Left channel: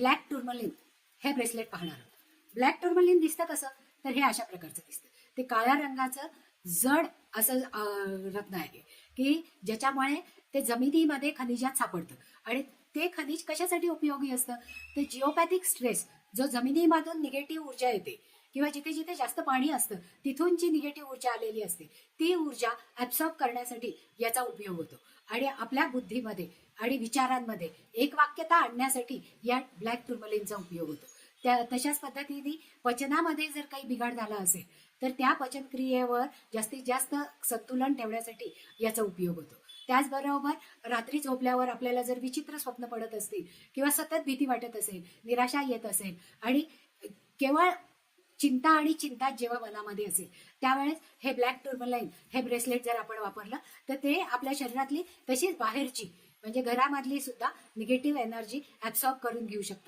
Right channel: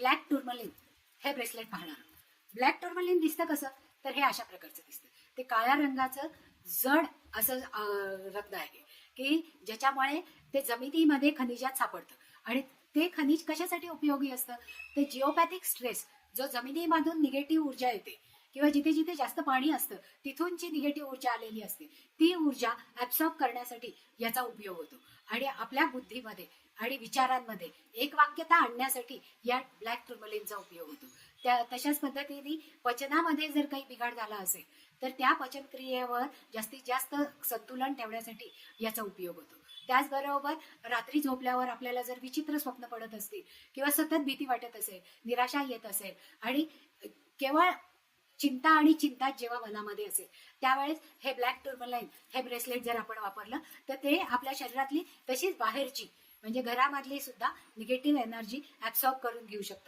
Black टुर्मलिन हे bracelet पाहणार आहोत. ब्लॅक टुर्मलिन दिसतं कसं, तर हे अशा प्रकारचं दिसतं. ते काळ्या रंगाचं जड असं रत्न आहे की ज्याच्यामुळे ते जमिनीमध्ये खनिजात सापडतं. आणि ते खनिज कशासाठी उपयोगी असतं, तर जिओपॅथिक स्ट्रेस जो जमिनीमधून निगेटिव्ह ऊर्जा येते किंवा जिथे जिथे जास्त पाणी असतं तिथून जी निगेटिव्ह ऊर्जा आलेली असते ती ऊर्जा ऍब्सॉर्ब करण्यासाठी याचा उपयोग होतो. आणि आपल्या बुद्धीमध्ये आणि विचारांमध्ये एक वाक्यता आणण्यासाठी या ब्लॅक टुर्मलिनचा उपयोग होतो. तशाच पद्धतीने पचनामध्ये जर काही बिघाड झाला असेल तर त्या पचनक्रियेवर जास्तीत जास्त संतुलन ठेवण्यासाठी याचा उपयोग होतो. त्याचबरोबर रात्री झोपल्यावर आपल्याला जर विचित्र स्वप्न पडत असतील किंवा सतत भीती वाटत असेल, निराशा येत असेल आणि केवळ चिंता आणि चिंता जेव्हा मनामध्ये असेल त्यावेळेस हे ब्लॅक टुर्मलाइन हे ब्रेसलेट जर आपण वापरलं तर ते आपल्या शरीरातली तशीच बाहेरची म्हणजे घरामधली सुद्धा निगेटिव्ह एनर्जी ऍब्सॉर्ब करून घेऊ शकतं.